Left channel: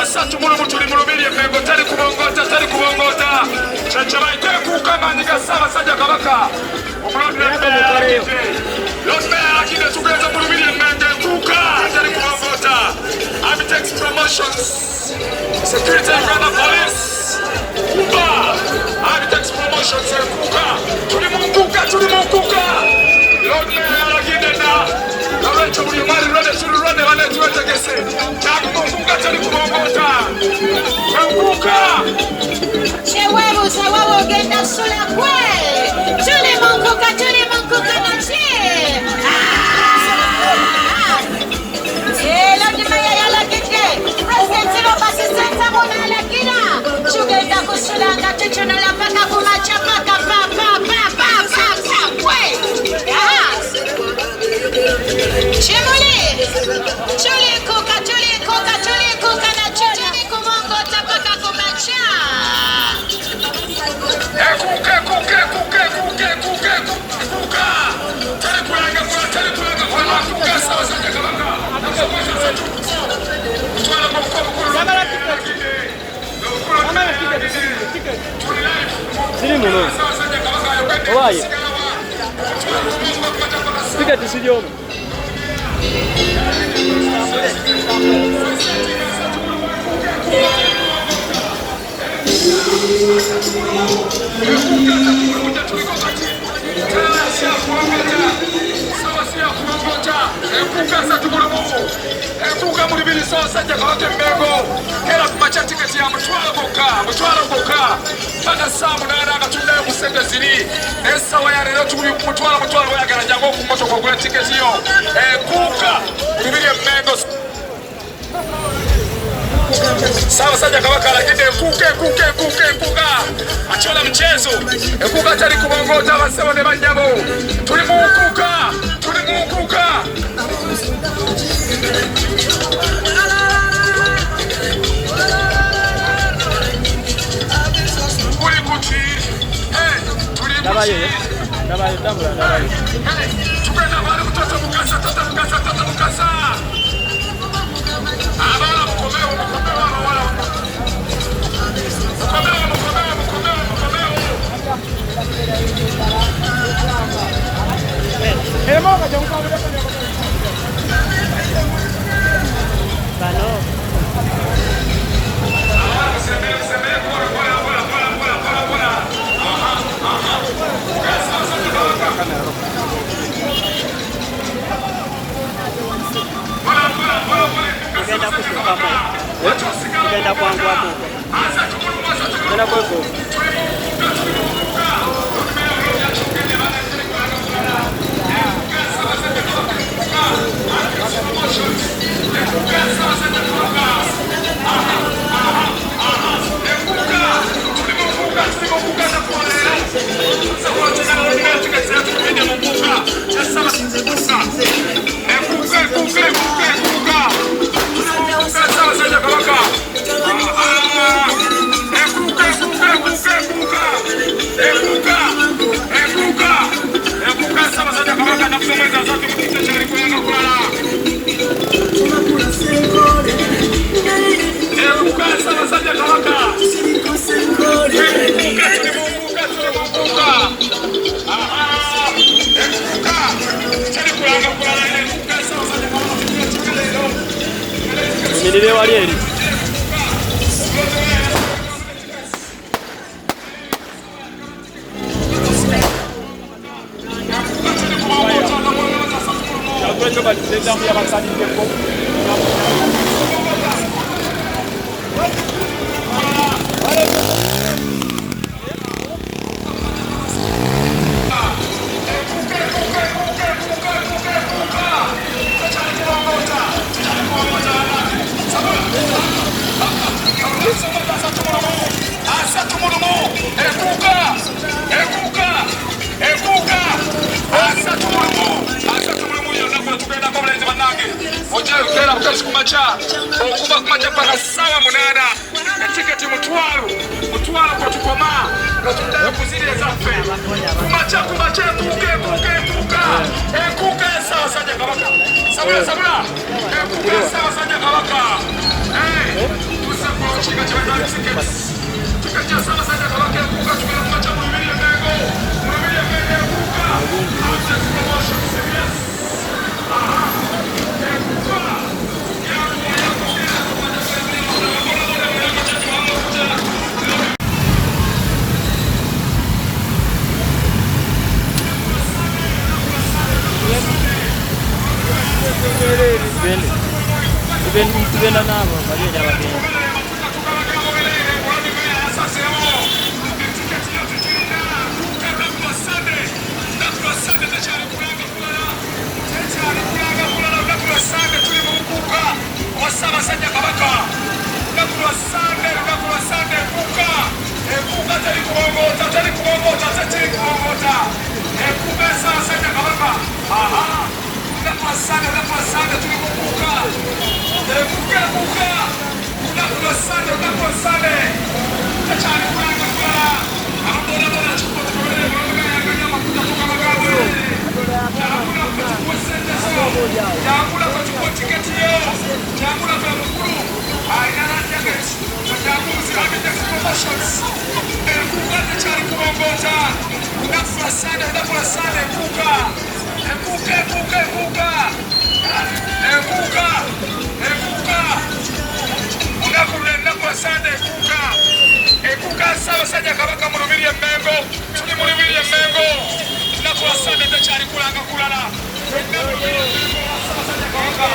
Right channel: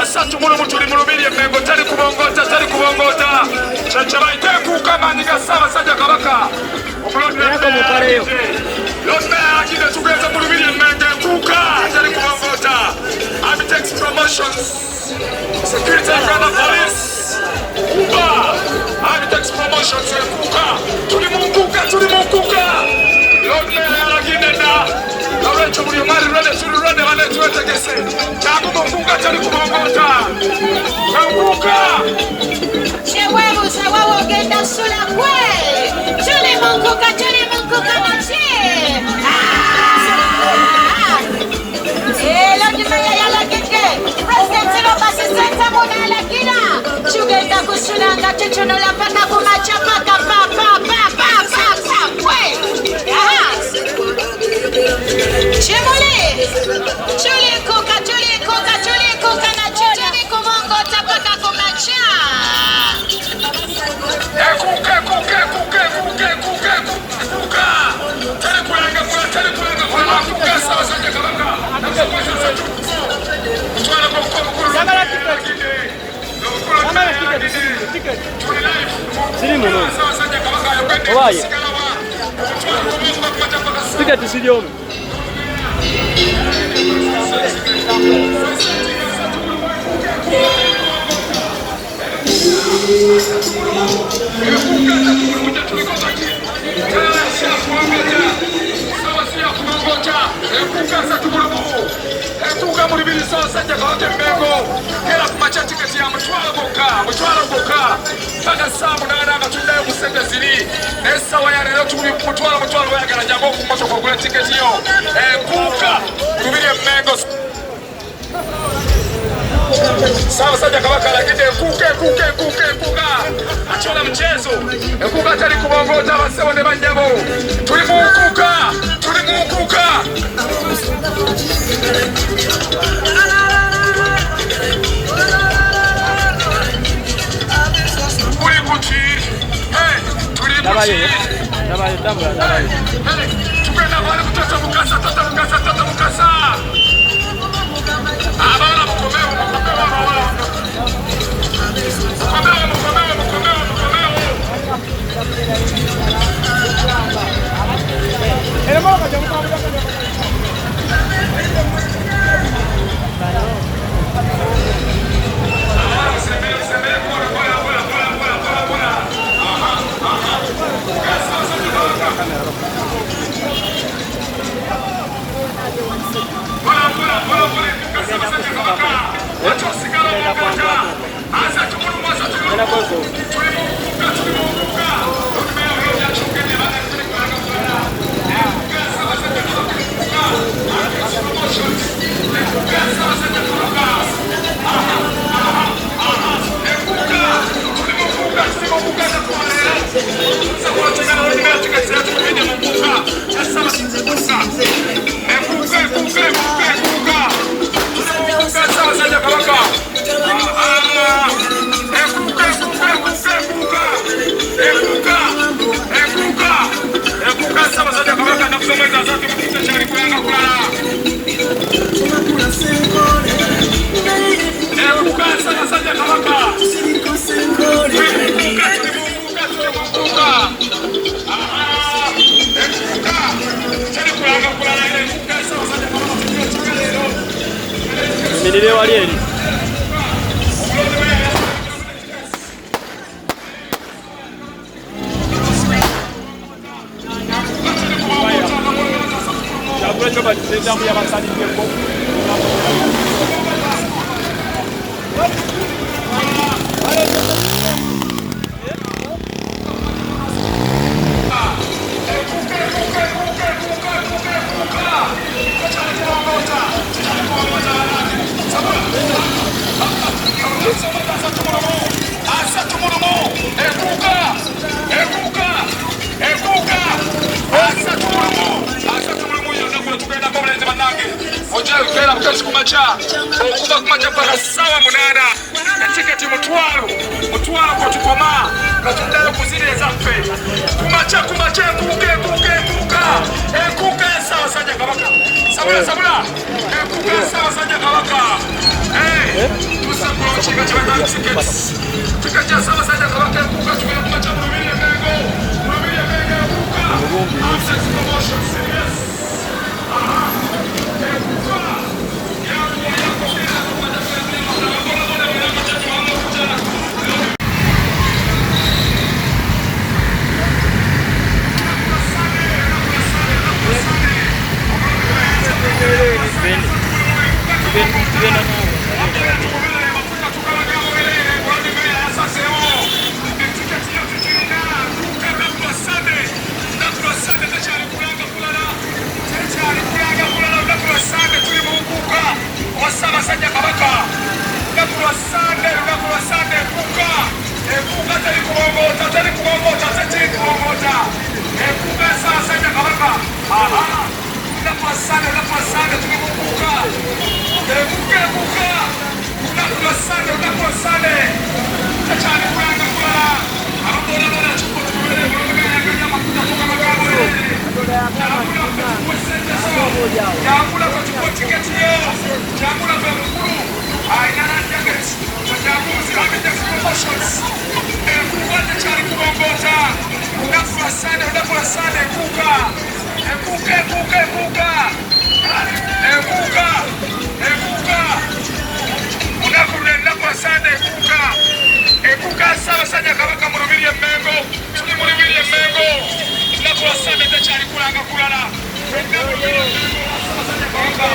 Asatu mulu mutuli mulubiri empengo tali kubongota chachabaite kukama nigasaba sajja kabaka Lord Mayor akine tugeza mulubiri empengo kuka tali kubongota Amitex Promotions Security and Ghana Police Kuka Amitex Promotions kuka tuli munkuka Lord Mayor akine na Tumuri mari rode suru rode wana tuwete kese Namu kuka tali kubongota Kuka Sababu genda sula kwe Tuli munkuka machi Lodi maya yala kike President Lopasi Santa Muna la kina Chugenda kusulanga Checho na la pata kumacha pata pa kwe Chemole Chuli kuka na chuli kumongo tapata kumacha Sawa saja kabaka lakini kuka achona mchezo kuka tali kubongota wasewa ne banjabo tulimukuka Dabaye tambula dabaye tugenda bali kutoka mukasa abana mukomeo abawala mukomeo Elema kaja mukabula Menile wali eli coba dipegang ya bangsa di tempo. Asa Motors kumacha okuva kumacha mpaka sawa munana etiketi mutwalo kwa tukoma nga tudala kuzira ezaffe kumacha enkuka Ssaabasajja Kabaka sabula enkuka Ssaabasajja Kabaka tukajja Ssaabasajja Kabaka enkuka tugenda kumacha mu Lubiri Mengo Ssaabasajja Kabaka lunaku lwa Sande enkuka teri kubongoota enkuka Ssaabasajja Kabaka lunaku lwa Sande tuli mu nkuka enkuka lunaku lwa Sande takyali kulanga kulala ababonabola kikotokoleeaganya amakuta tukamagambo yangula kwekikuwa sentezo yangula kwekikuwa tiketi yo yangula kwe mukulu inananjaget wajabuzi Amitex Promotions enkuka takyali kubongoota lunaku lwa Sande enkuka lunaku lwa Sande enkuka Ssaabasajja Kabaka mu Lubiri e Mengo tuli mu Lubiri e Mengo lunaku lwa Sande takyali kulanga kulala Ssaabasajja Kabaka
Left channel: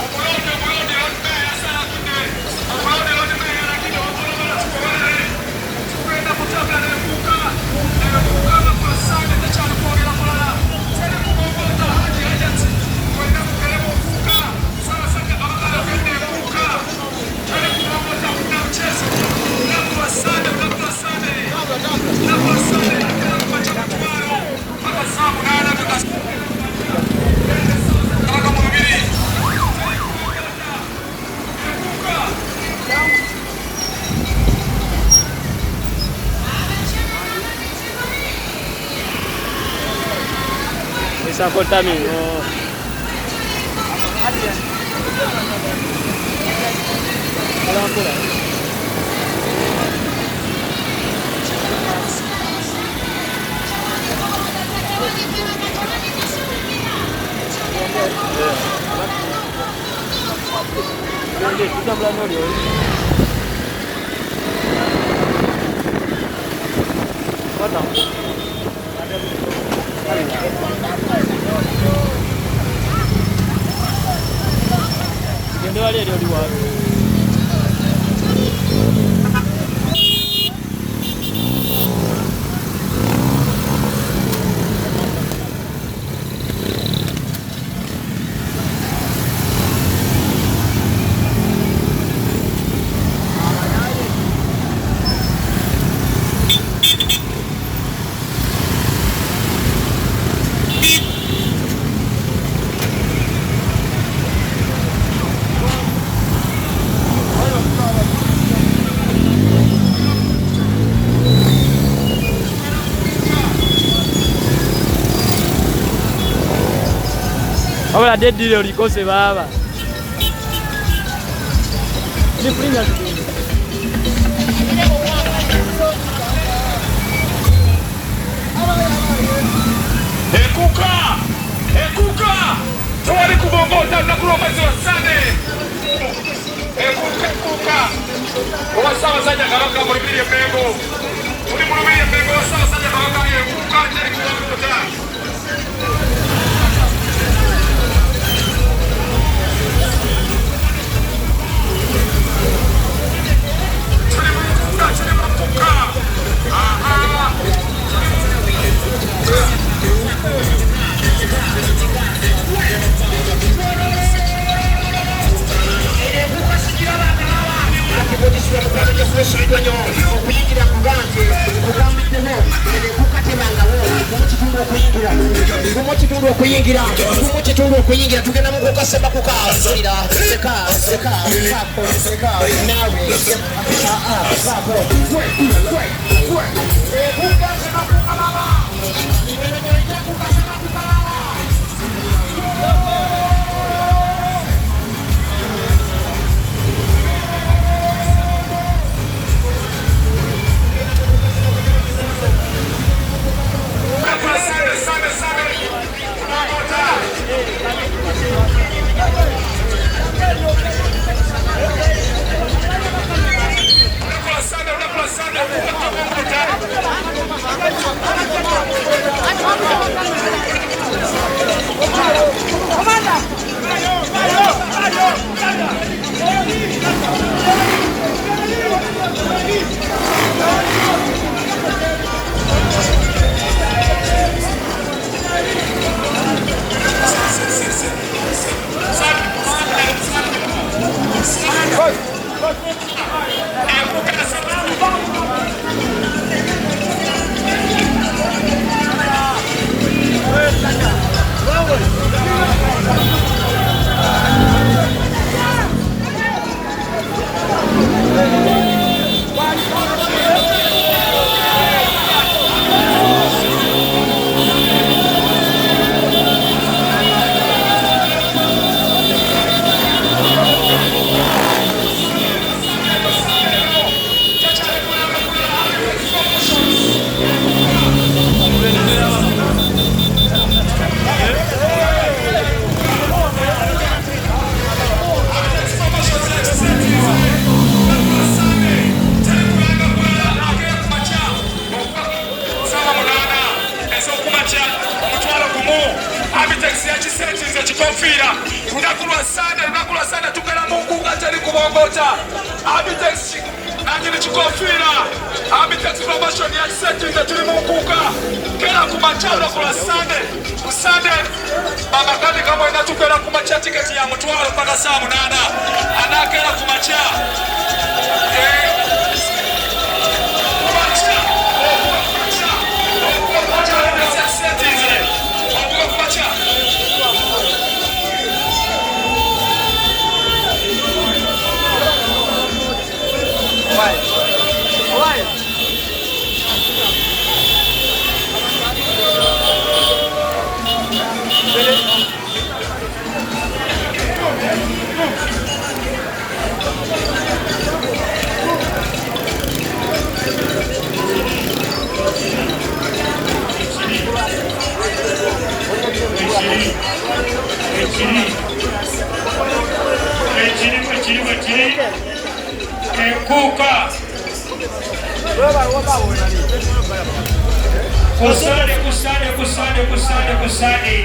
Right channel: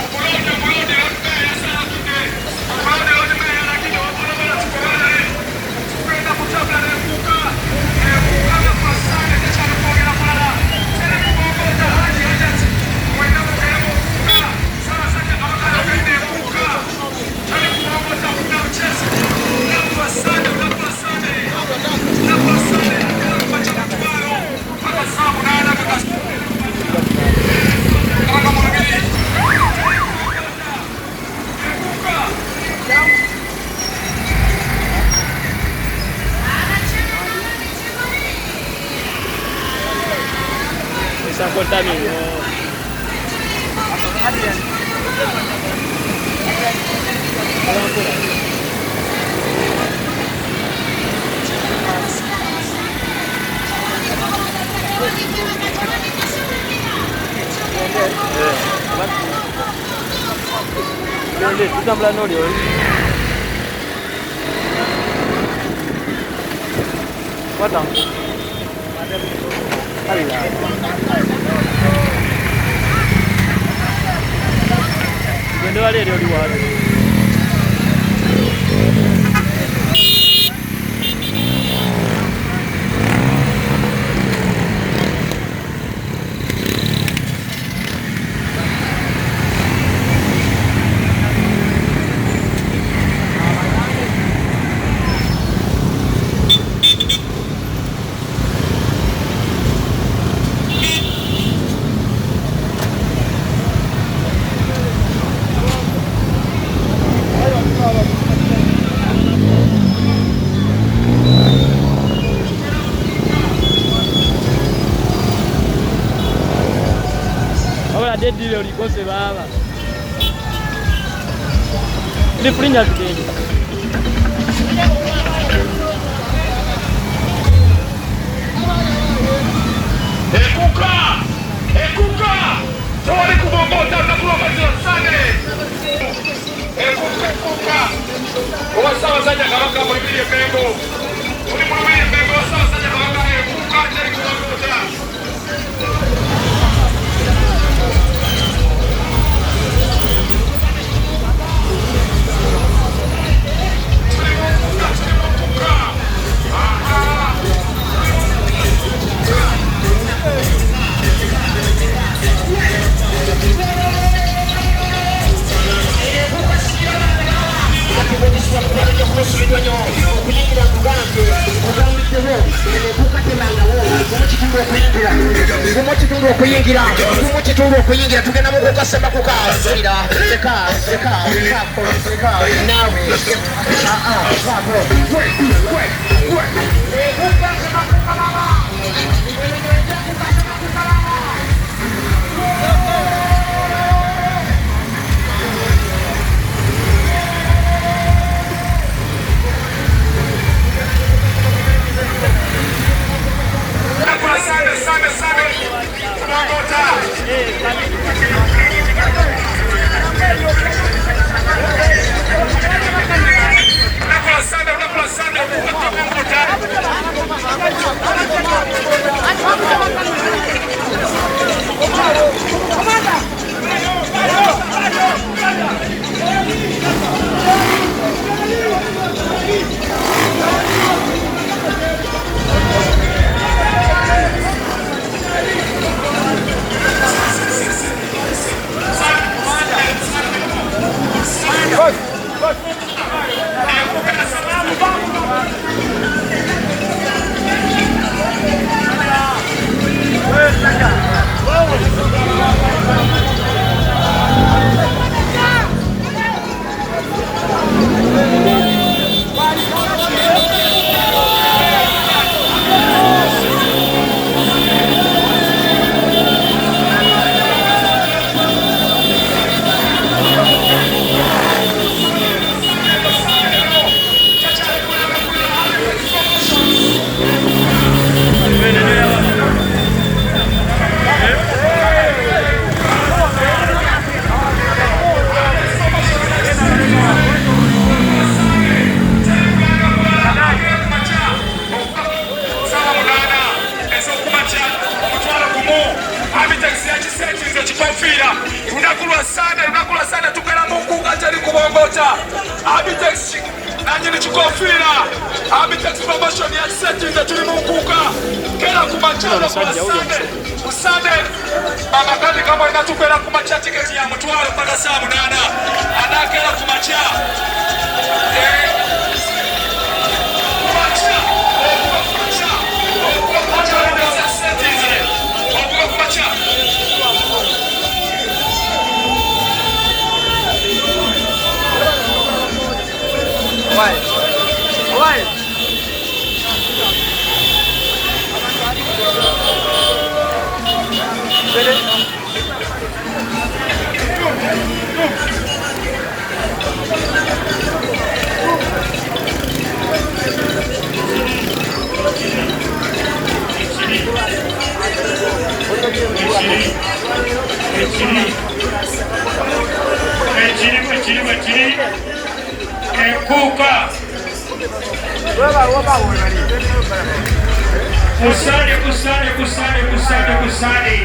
omulonde tugenda kutabula enkuka lunaku lwa Sande takyali kwogera kulala teri kubongoota Haji Hajat mwenda mukeemu enkuka Ssaabasajja Kabaka alagedde enkuka teri kubongoota kudda bukyesi lunaku lwa Sande agenda kumacha mutwalo mpaka saa 8 Kabaka mu Lubiri contamino. Kita belanja dia. Padang. Allah. Benda wale dia luar. Ahora dedi leo likose baba. Ni prinya tu. Ekuka. Tawali kubongoza na kuomeza sana. Ekuka. Ssaabasajja Kabaka mu Lubiri e Mengo. Ssaabasajja Kabaka ekuka teri kubongoza. Kuyigira kugambe kugambiteho ene kukatenanga wo kuyingira tugenda mu kukasema kukasira nawe unakula sana tugala Mungu atali kubongoja Abitex najini chukofira Abitex promotion ya sekiza tuli Munguka kera kumachana kwa Sunday baba kati kama inatupera kumacha tiketi ya mtwala para sabu dada anakela kumacha Kusani.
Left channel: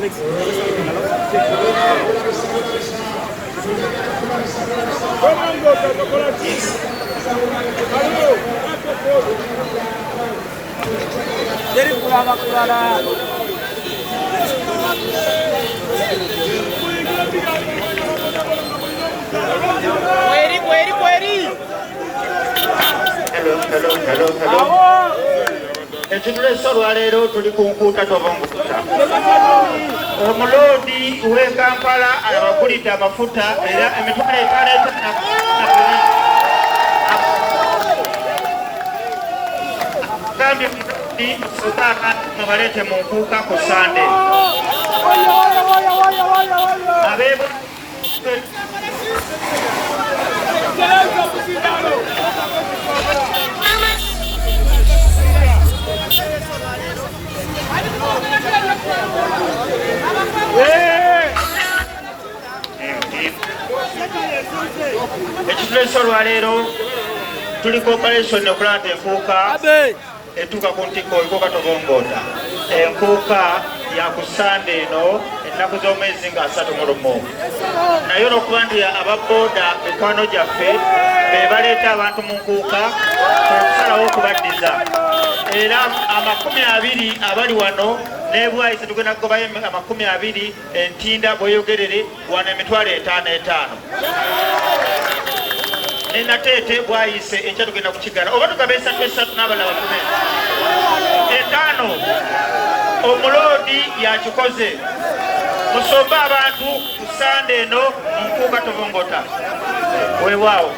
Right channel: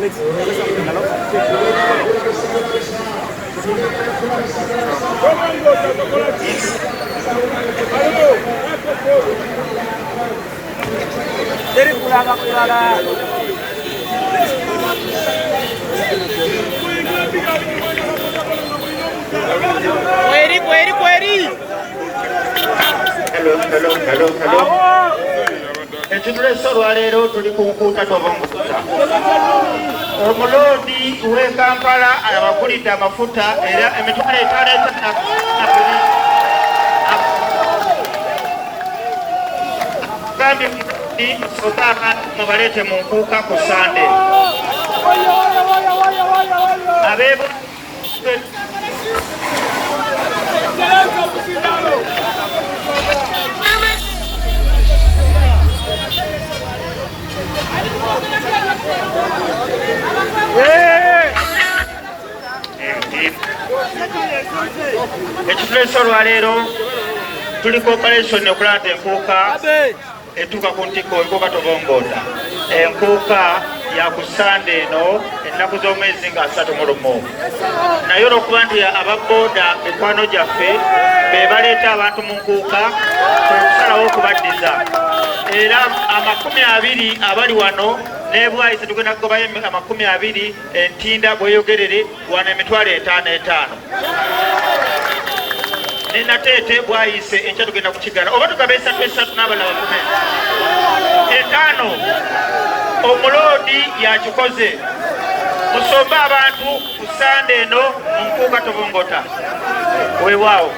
Alex, Hello. Ekitulese olwaleero tuli ku nkuuta Tobongoota. Omuloodi w'e Kampala abagulidde amafuta era emitwalo 5 agambye musoka mubaleete mu nkuuka ku Sande. Ekitulese olwaleero tuli ku operation okulanda enkuuka etuuka ku ntiko enkuuka Tobongoota. Enkuuka ya ku Sande eno ennaku z'omwezi nga 31. Naye olw'okuba nti ababooda mikwano gyaffe be baleeta abantu mu nkuuka okusalawo okubaddiza. Era 20 abali wano n'ebwayise tugenda kugobayo 20 entinda bweyogerere wano emitwalo 5 Nenateete bwayise enkya tugenda kukigala oba tugaba 3 n'abalala 5. Omuloodi yakikoze musombe abantu ku Sande eno mu nkuuka Tobongoota. Weewaawo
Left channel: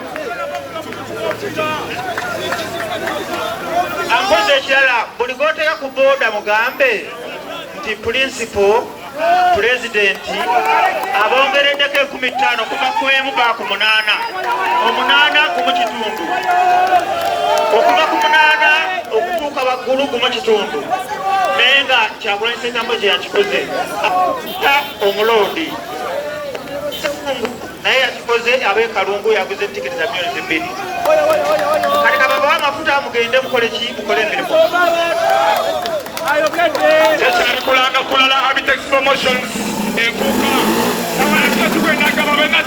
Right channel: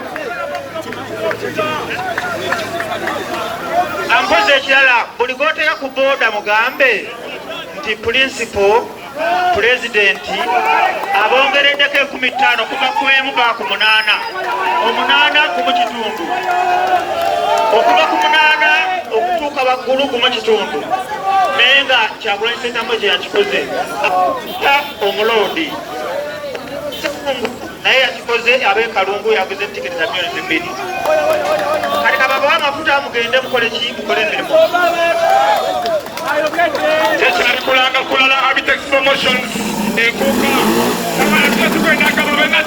ampoze ekirala buli gooteeka ku booda mugambe nti principal president abongereddeko 15 kuva ku 1 ba ku 8 8 ku kitundu okuva ku 8 okutuuka waggulu ku kitundu naye nga Kyagulanyi Ssentamu kye yakikoze omuloodi naye yakikoze ab'ekalungu yaguze tiketi za $2,000 kati kababawa amafuta mugende mukole emirimu ekyali kulanga kulala Abitex Promotions enkuuka